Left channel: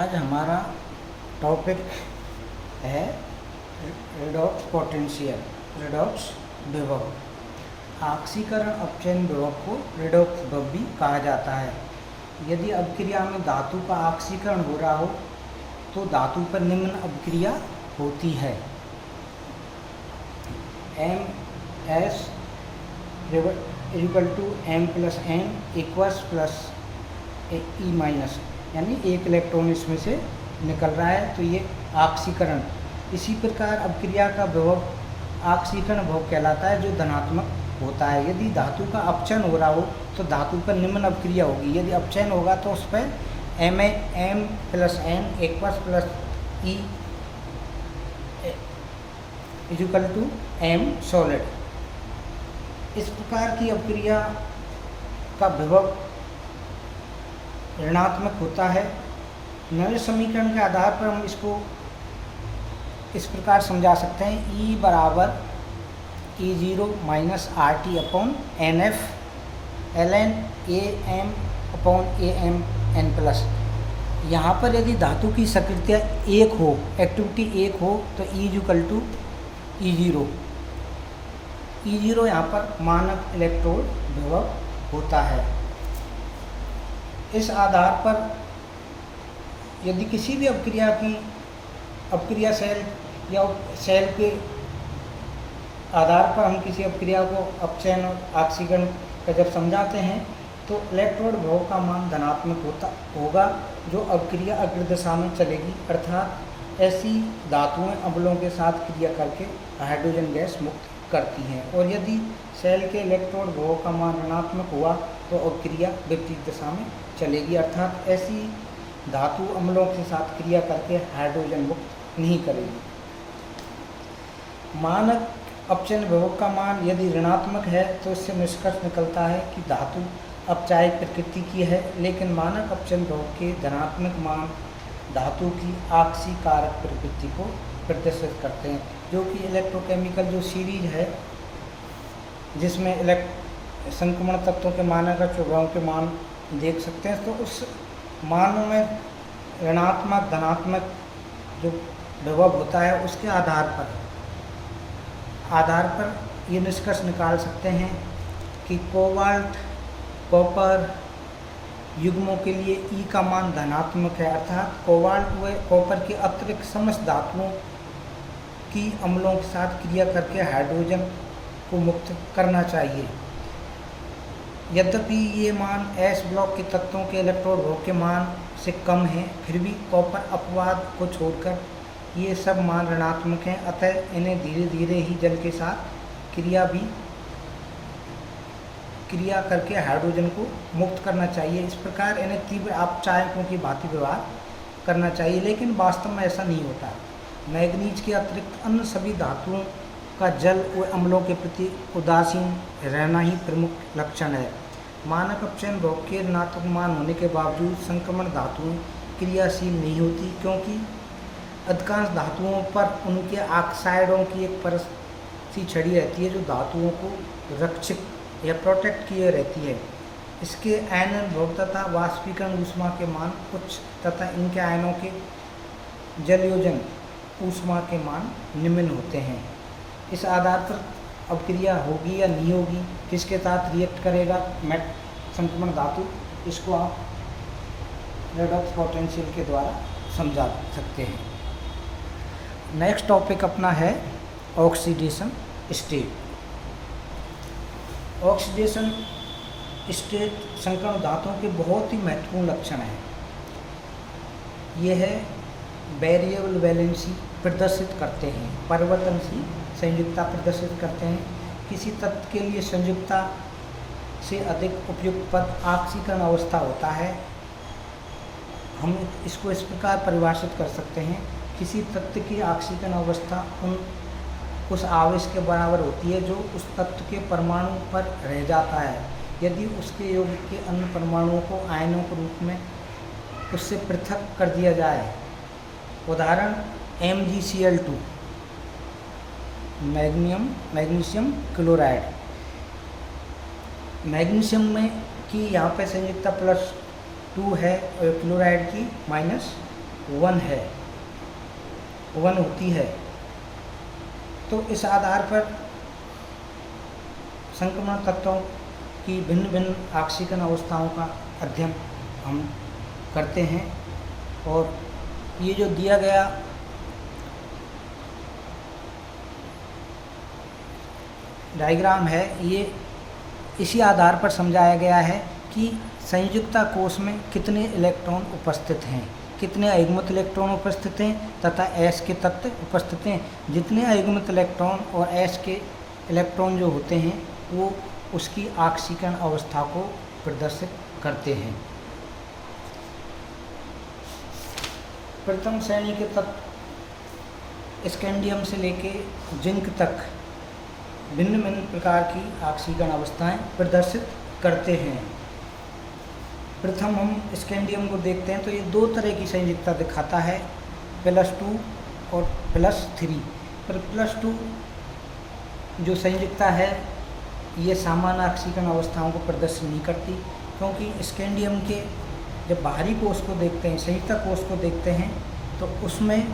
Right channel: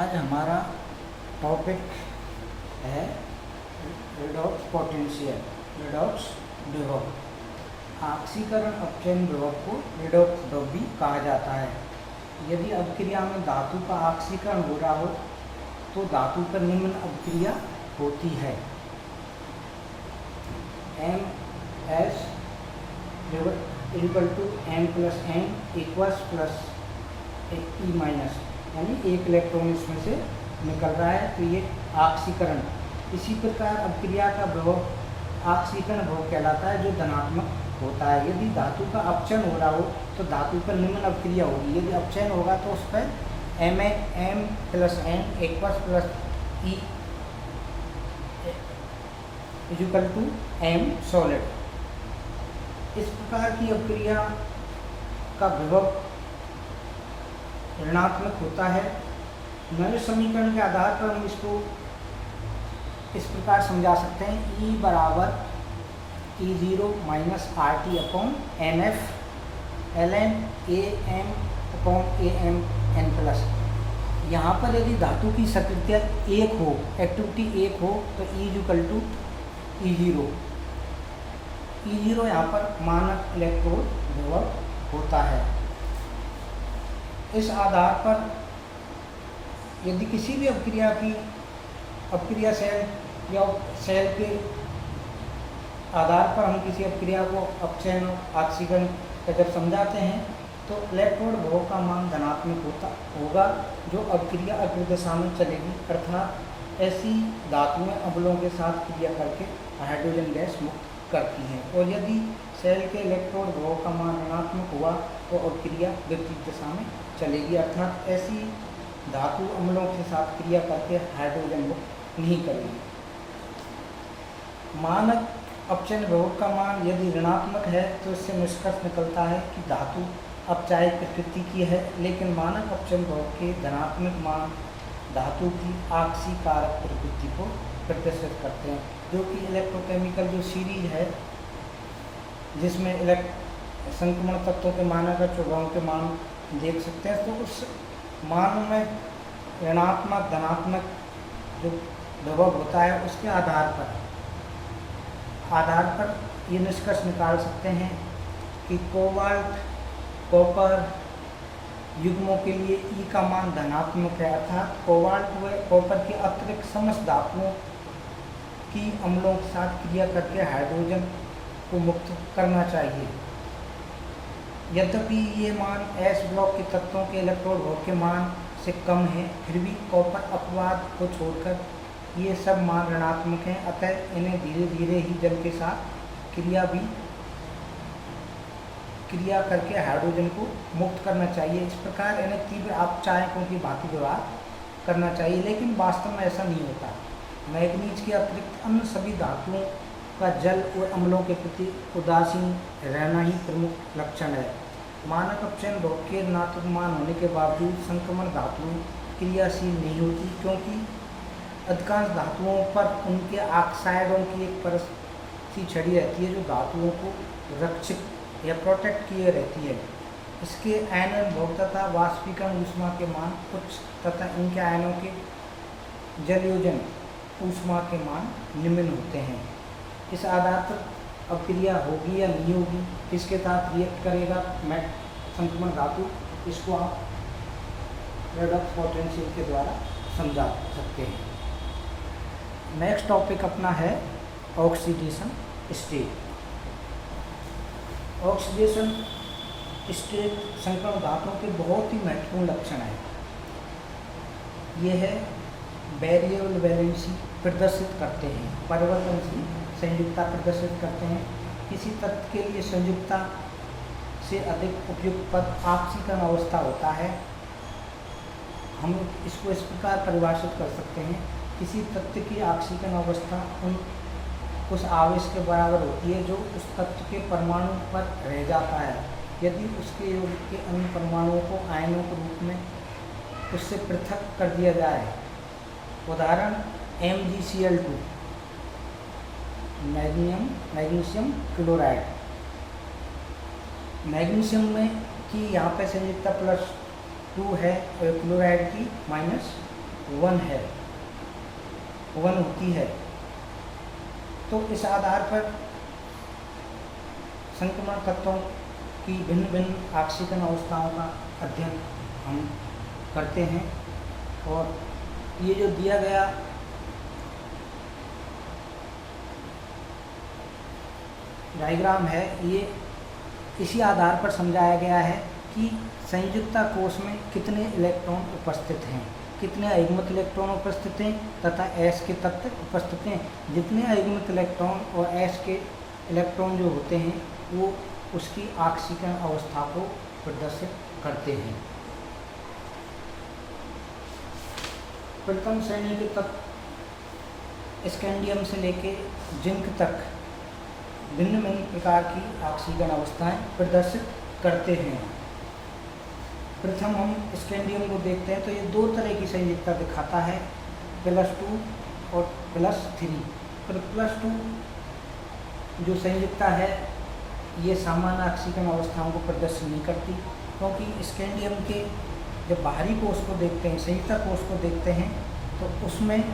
आज हमारा टॉपिक है रेडॉक्स पोटेंशियल, रेडॉक्स विभव। ऑक्सीकरण अपचयन विभव को रेडॉक्स विभव भी कहा जाता है। यदि अभिक्रिया में धातु का ऑक्सीकरण हो रहा हो तो धातु पर निम्न अभिक्रिया होती है। MS = M+N + E-, यानी एक इलेक्ट्रॉन इसमें से निकल रहा है तो ये ऑक्सीकरण। इसी प्रकार अभिक्रिया का विभव ऑक्सीकरण विभव कहलाता है जो धनात्मक होता है। यदि धातु का अपचयन हो रहा हो तो धातु पर निम्न अभिक्रिया होगी। यदि अपचयन होगा तो उस पर M+N + E M सॉलिड। इस प्रकार की अभिक्रिया का विभव ऋणात्मक होता है। नल समीकरण के आधार पर हम इसको इस प्रकार समझा सकते हैं। E = E0 - RT/NF ln AM/AM यहाँ पर यदि धातु की सक्रियता 1 हो, एक्टिविटी 1 हो तो E = E0। E0 यहाँ पर मानक इलेक्ट्रोड विभव होता है। इस आधार पर यदि किसी भी अभिक्रिया सेल या सेल के आधार पर हम किसी अभिक्रिया को अपचयन और ऑक्सीकरण का जब समझाते हैं तो इलेक्ट्रोड विभव का मान धनात्मक होगा जो अभिक्रिया अग्र दिशा में चलेगी, अर्थात ऐसी धातुएं अम्लों के साथ क्रिया करके हाइड्रोजन गैस मुक्त करती हैं। और यदि सेल के इलेक्ट्रोड विभव का मान ऋणात्मक हुआ तो अभिक्रिया विपरीत दिशा में चलेगी, अर्थात ऐसी धातु अम्लों के साथ क्रिया करके हाइड्रोजन मुक्त नहीं करेगी। मानक अपचयन विभव का मान यदि ऋणात्मक है तो इससे निष्कर्ष निकलता है कि धातु अपचायक प्रकृति की है, लेकिन मानक अपचयन विभव के धनात्मक मान धातु की ऑक्सीकारक प्रकृति को प्रदर्शित करते हैं, जो कि इलेक्ट्रोकेमिकल जो सीरीज है जिसमें संक्रमण तत्वों के मानक और चौभावों के मान देख सकते हैं, तो उस मानों में ऋणात्मक धनात्मक जो विभव होता है उसके आधार पर ये निष्कर्ष निकाल सकते हैं कि कोबाल्ट कॉपर युग्मों के लिए E का मान धनात्मक है, अर्थात कोबाल्ट व कॉपर के अतिरिक्त समस्त धातुओं की अम्लों के साथ क्रिया करके हाइड्रोजन को मुक्त करना चाहिए। यद्यपि ये मान S ब्लॉक के तत्वों के इलेक्ट्रोड विभव के मान से कम है, फिर भी कॉपर अपवाद को छोड़कर ये सब मान ऋणात्मक हैं, अतः इन्हें धीरे धीरे ही जल के साथ क्रिया करके हाइड्रोजन को मुक्त करना चाहिए। इस प्रकार इन्हें तीव्र अपचायकों की भांति व्यवहार करना चाहिए, लेकिन वास्तव में ऐसा नहीं होता। मैग्नीज के अतिरिक्त अन्य सभी धातुओं का जल व अम्लों के प्रति उदासीन रहना ही प्रमुख लक्षण है। मानक अपचयन विभव के ऋणात्मक मान होने के बावजूद संक्रमण धातुएं क्रियाशील नहीं होती, क्योंकि अधिकांश धातुओं पर उनके ऑक्साइडों की एक परत सी छड़ी रहती है जो धातुओं को रक्षित या प्रोटेक्ट किए रहती है। इसके आयनन विभव तथा वाष्पीकरण ऊष्मा के मान उच्च तथा इनके आयनों के जलयोजन ऊष्मा के मान निम्न होते हैं। इस आधार पर अभिक्रिया होगी या नहीं होगी, किसके साथ रिएक्ट करेगा संक्रमण धातु, इसको आप रेडॉक्स पोटेंशियल के द्वारा समझा सकते हैं। नेक्स्ट टॉपिक अपना है ऑक्सीडेशन स्टेट। ऑक्सीडेशन स्टेट संक्रमण धातुओं के बहुत ही महत्वपूर्ण लक्षण है। यह है वेरिएबल वैलेंसी प्रदर्शित करते हैं, परिवर्तनशील संयुक्ता प्रदर्शित करते हैं। किसी तत्व के लिए संयुक्ता से अधिक उपयुक्त पद ऑक्सीकरण अवस्था होता है। हम इसको इस प्रकार परिभाषित कर सकते हैं, किसी तत्व की ऑक्सीकरण अवस्था उस आवेश के बराबर होती है जो उस तत्व के परमाणु पर रह जाता है, यदि उसके योग के अन्य परमाणुओं को आयनों के रूप में उससे पृथक कर दिया जाए। उदाहरण MgCl2 मैग्नीशियम क्लोराइड। मैग्नीशियम में की यहाँ पे संयुक्ता +2 है और क्लोराइड की वन होती है। तो इस आधार पर संक्रमण तत्वों की भिन्न भिन्न ऑक्सीकरण अवस्थाओं का अध्ययन हम करते हैं। और ये जो दिया गया डायग्राम है, ये इसी आधार पर समझाया गया है कि संयुक्ता कोश में कितने इलेक्ट्रॉन उपस्थित हैं, कितने अयुग्मित इलेक्ट्रॉन उपस्थित हैं तथा S के तत्व उपस्थित हैं। जितने अयुग्मित इलेक्ट्रॉन और S के इलेक्ट्रॉन जो होते हैं वो उसकी ऑक्सीकरण अवस्था को प्रदर्शित करते हैं। प्रथम श्रेणी के तत्व स्कैंडियम से लेके जिंक तक भिन्न भिन्न प्रकार की ऑक्सीकरण अवस्थाएं प्रदर्शित करते हैं। प्रथम हम स्कैंडियम को देखते हैं तो ये दो तरह की संयुक्ता दिखाता है, +2 और +3। पर +2 जो संयुक्ता है ये सामान्य ऑक्सीकरण अवस्थाओं को प्रदर्शित नहीं करती, क्योंकि स्कैंडियम के जब बाहरी कोश को देखते हैं, संयुक्ता कोश को देखते हैं तो उसमें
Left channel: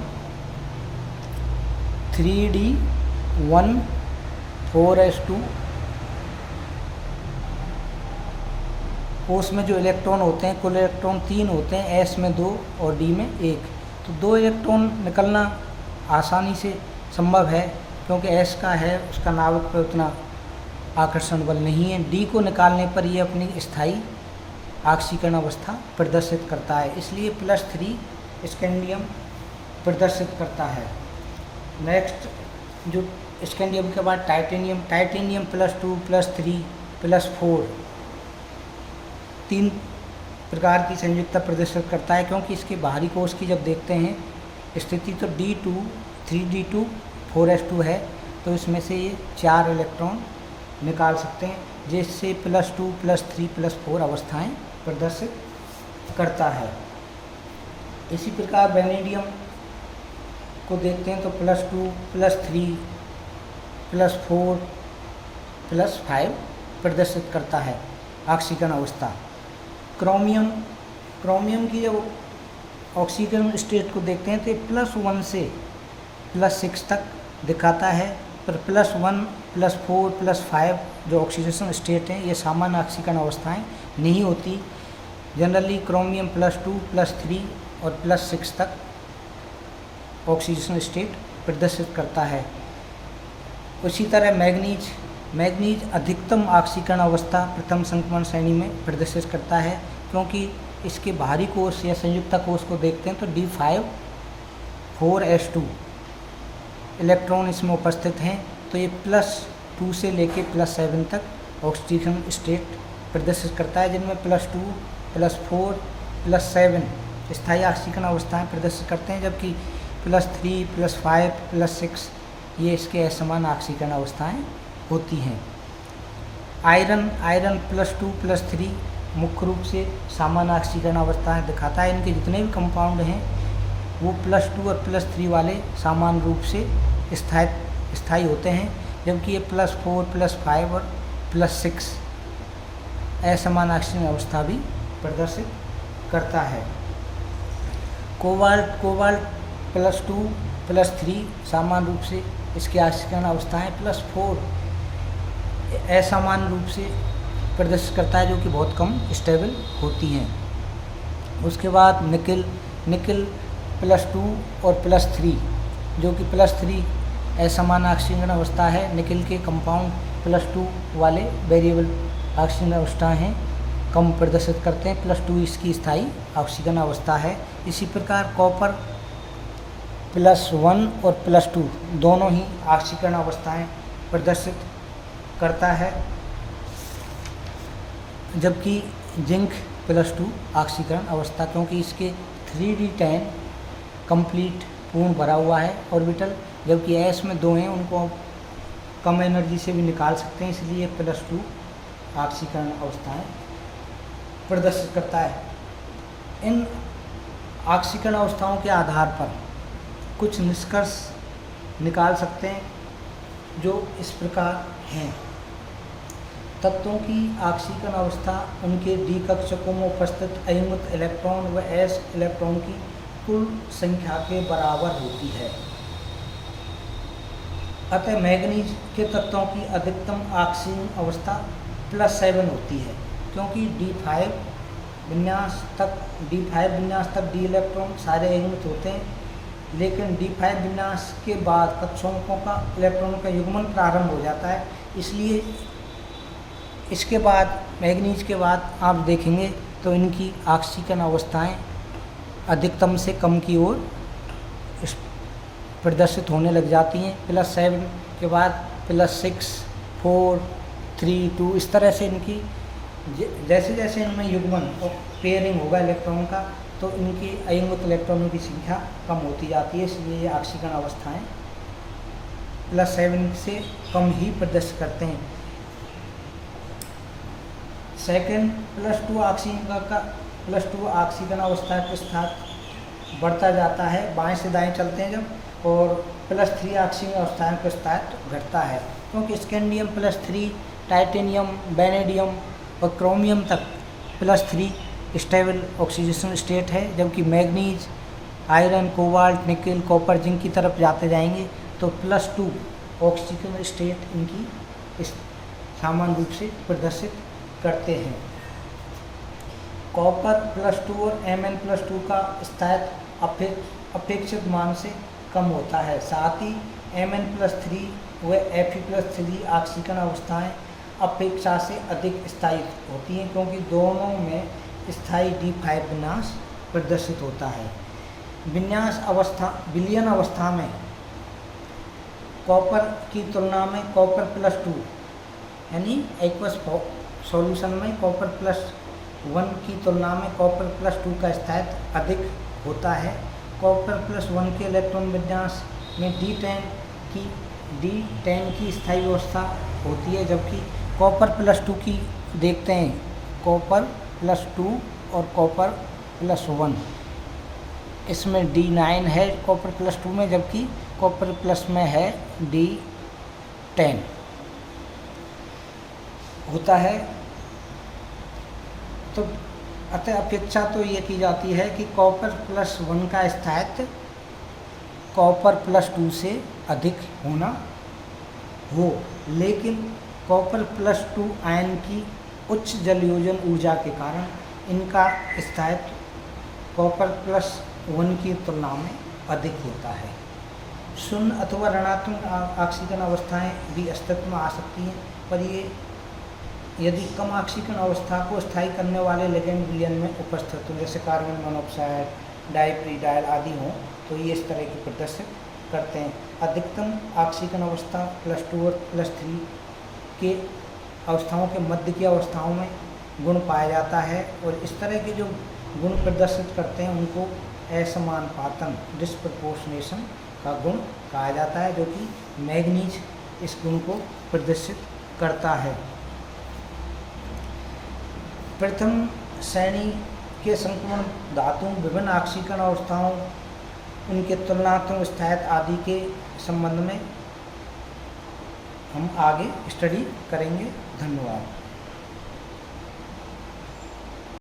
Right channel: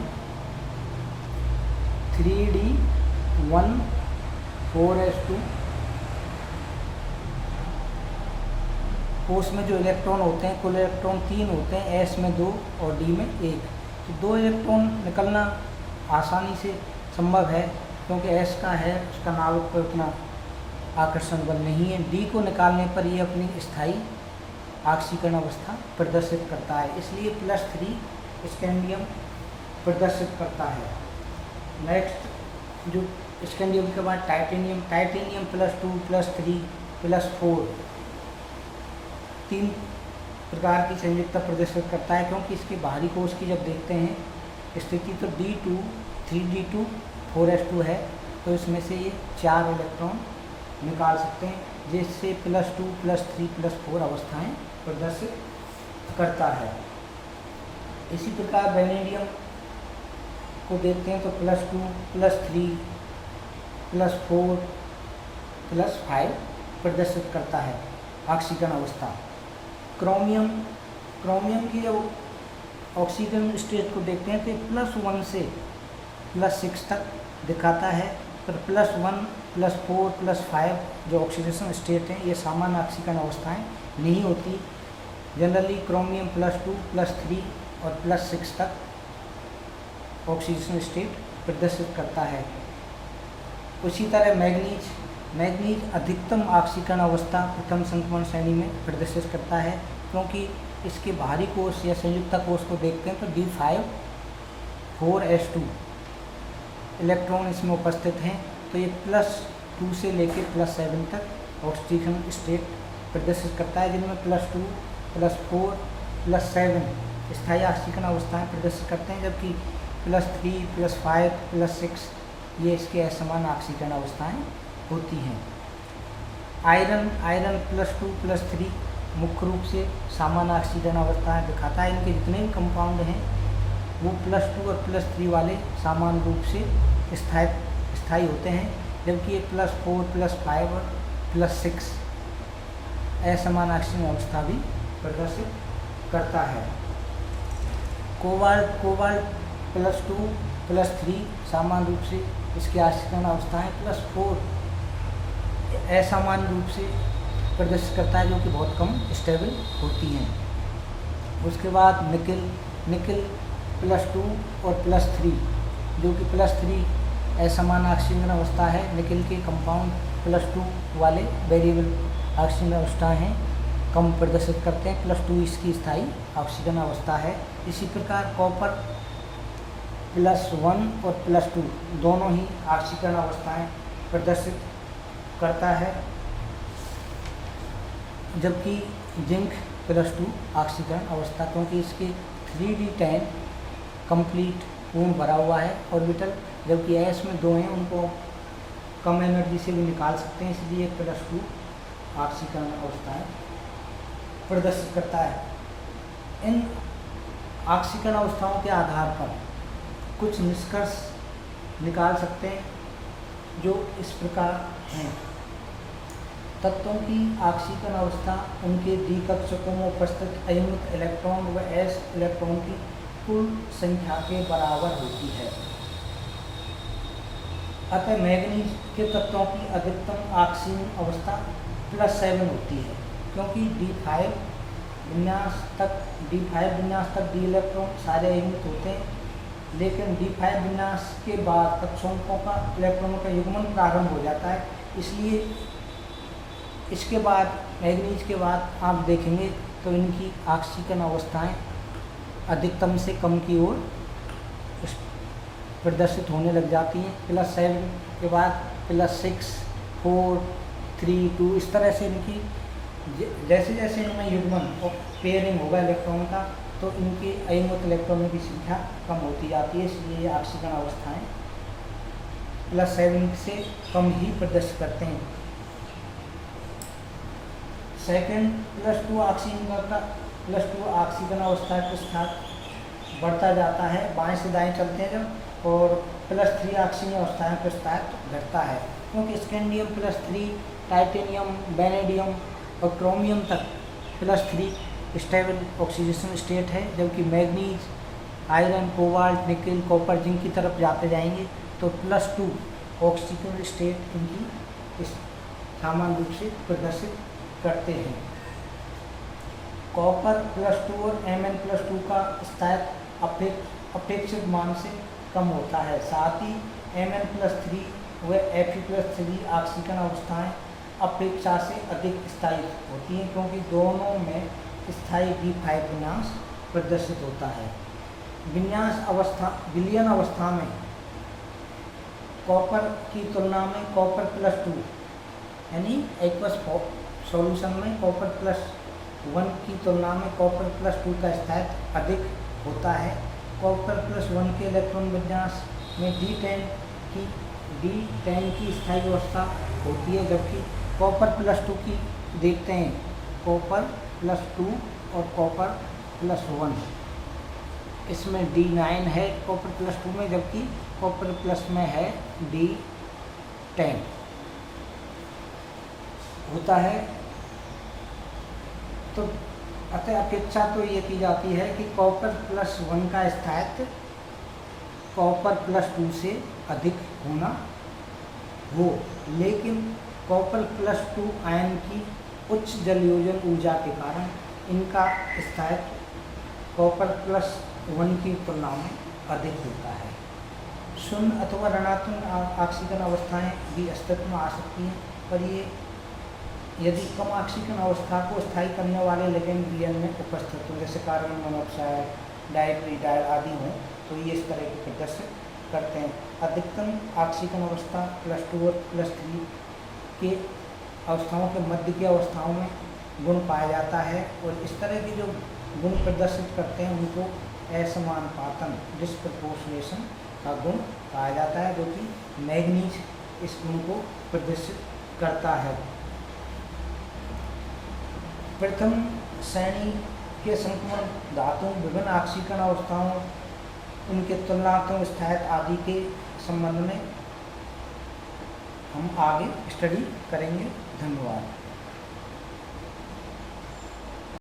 3D1 4s2 कोश में जो इलेक्ट्रॉन होते हैं, कुल इलेक्ट्रॉन 3 होते हैं, S में 2 और D में 1। तो 2 इलेक्ट्रॉन निकलना आसानी से संभव है, क्योंकि S का है उसका नाभिक पर उतना आकर्षण बल नहीं है। D को निकालने पर ये अपनी स्थायी ऑक्सीकरण अवस्था प्रदर्शित करता है, इसलिए +3 स्कैंडियम प्रदर्शित करता है। नेक्स्ट जो स्कैंडियम के बाद टाइटेनियम +2 +3 +4 3 प्रकार की संयुक्ता प्रदर्शित करता है, क्योंकि इसके बाहरी कोश की जब देखते हैं स्थिति तो D2 3D2 4s2 है, तो इसमें से ये 4 इलेक्ट्रॉन निकाल सकते हैं, जिससे +2 +3 +4 अवस्थाएं प्रदर्शित करता है। इसी प्रकार वेनेडियम को देखते हैं तो +2 +3 +4 +5 प्रदर्शित करता है ऑक्सीकरण अवस्था। क्रोमियम की जब ऑक्सीकरण स्टेट को देखते हैं तो +1 से +6 तक दिखाता है, पर +1 +4 +5 जो ऑक्सीडेशन स्टेट हैं ये सामान्य ऑक्सीकरण अवस्थाएं नहीं होती। जनरली क्रोमियम +2 +3 और +6 तक ऑक्सीडेशन स्टेट प्रदर्शित करता है। उसी तरह मैग्नीज अधिकतम ऑक्सीकरण अवस्था प्रथम संक्रमण श्रेणी में प्रदर्शित करता है, क्योंकि इसके बाहरी कोश या संयुक्ता कोश को देखते हैं तो D5 4s2 इलेक्ट्रॉन इसमें उपस्थित हैं, तो ये +2 से लेके +7 तक ऑक्सीजन स्टेट प्रदर्शित करता है, जिनमें +2 +4 +7 स्थायी ऑक्सीकरण अवस्थाएं प्रदर्शित करते हैं, जबकि +3 +5 +6 ये इसके असमान ऑक्सीकरण अवस्थाएं होती हैं। आयरन +2 +3 मुख्य रूप से सामान्य ऑक्सीकरण अवस्थाएं दिखाता है। इनके जितने भी कंपाउंड हैं वो +2 और +3 वाले सामान्य रूप से स्थायी होते हैं, जबकि ये +4 +5 और +6 असमान ऑक्सीकरण अवस्था भी प्रदर्शित करता है। कोबाल्ट +2 +3 सामान्य रूप से इसकी ऑक्सीकरण अवस्थाएं +4 असामान्य रूप से प्रदर्शित करता है, जो कि बहुत कम स्टेबल होती हैं। उसके बाद निकिल +2 और +3 जो कि +3 असमान ऑक्सीकरण अवस्था है। निकिल के कंपाउंड +2 वाले वेरिएबल ऑक्सीजन अवस्था हैं, कम प्रदर्शित करते हैं। +2 इसकी स्थायी ऑक्सीजन अवस्था है। इसी प्रकार कॉपर +1 और +2 दोनों ही ऑक्सीकरण अवस्थाएं प्रदर्शित करता है, जबकि जिंक +2 ऑक्सीकरण अवस्था, क्योंकि इसके 3D10 कंप्लीट पूर्ण भरा हुआ है ऑर्बिटल, जबकि S में 2 हैं, उनको कम एनर्जी से भी निकाल सकते हैं, इसलिए +2 ऑक्सीकरण अवस्थाएं प्रदर्शित करता है। इन ऑक्सीकरण अवस्थाओं के आधार पर कुछ निष्कर्ष निकाल सकते हैं, जो इस प्रकार हैं। तत्वों की ऑक्सीकरण अवस्था उनके D कक्षकों में उपस्थित अयुग्मित इलेक्ट्रॉन व S इलेक्ट्रॉन की कुल संख्या के बराबर होती है। अतः मैग्नीज के तत्वों की अधिकतम ऑक्सीजन अवस्था +7 होती है, क्योंकि D5 विन्यास तक D इलेक्ट्रॉन सारे युग्मित होते हैं, लेकिन D5 विन्यास के बाद कक्षाओं का इलेक्ट्रॉनों का युग्मन प्रारंभ हो जाता है। इसलिए इसके बाद मैग्नीज के बाद आप देखेंगे तो इनकी ऑक्सीजन अवस्थाएं अधिकतम से कम की ओर प्रदर्शित होने लग जाती हैं। +7 के बाद +6, 4, 3, 2 इस तरह से इनकी जैसे जैसे इनमें युग्मन और पेयरिंग होगा इलेक्ट्रॉन का, तो इनकी अयुग्मित इलेक्ट्रॉनों की संख्या कम होती जाती है। इसलिए ये ऑक्सीजन अवस्थाएं +7 से कम ही प्रदर्शित करते हैं। सेकेंड, +2 ऑक्सीजन अवस्था के साथ बढ़ता जाता है, बाएं से दाएं चलते हैं जब, और +3 ऑक्सीजन अवस्थाएं के साथ घटता है, क्योंकि स्कैंडियम +3, टाइटेनियम, वेनेडियम और क्रोमियम तक +3 स्टेबल ऑक्सीडेशन स्टेट है, जबकि manganese, iron, cobalt, nickel, copper, zinc की तरफ जाते जाएंगे तो +2 ऑक्सीजन स्टेट इनकी इस सामान्य रूप से प्रदर्शित करते हैं। कॉपर +2 और Mn+2 का स्थायित्व अपेक्षित मान से कम होता है। साथ ही Mn+3 व Fe+3 ऑक्सीजन अवस्थाएं अपेक्षा से अधिक स्थायी होती हैं, क्योंकि दोनों में स्थायी D5 विन्यास प्रदर्शित होता है। विलयन अवस्था में कॉपर की तुलना में कॉपर +2 यानी एक्वस सॉल्यूशन में कॉपर +1 की तुलना में कॉपर +2 का स्थायित्व अधिक होता है। कॉपर +1 के इलेक्ट्रॉन विन्यास में D10 की स्थायी अवस्था होती है, जबकि कॉपर +2 की देखते हैं, कॉपर +2 और कॉपर +1, इसमें D9 है कॉपर +2 में, जबकि कॉपर प्लस में है D10 होता है। तो अतः अपेक्षा तो ये की जाती है कि कॉपर +1 का स्थायित्व कॉपर +2 से अधिक होना हो, लेकिन कॉपर +2 आयन की उच्च जलयोजन ऊर्जा के कारण इनका स्थायित्व कॉपर +1 की तुलना में अधिक होता है। शून्य अथवा ऋणात्मक ऑक्सीजन अवस्थाएं भी अस्तित्व में आ सकती हैं, पर ये यदि कम ऑक्सीजन अवस्था को स्थायी करने वाले लिगेंड विलयन में उपस्थित हो, जैसे कार्बन मोनोऑक्साइड, डाइप्रीडाइल आदि हों, तो ये इस तरह की प्रदर्शित करते हैं। अधिकतम ऑक्सीजन अवस्था +2 और +3 के अवस्थाओं के मध्य की अवस्थाओं में गुण पाया जाता है, और इस तरह के जो गुण प्रदर्शित करते हैं उनको असमानुपातन डिस्प्रपोर्शनेशन का गुण कहा जाता है, जो कि मैग्नीज इस गुण को प्रदर्शित करता है। प्रथम श्रेणी के संक्रमण धातुओं विभिन्न ऑक्सीकरण अवस्थाओं, उनके तुलनात्मक स्थायित्व आदि के संबंध में हम आगे स्टडी करेंगे। धन्यवाद।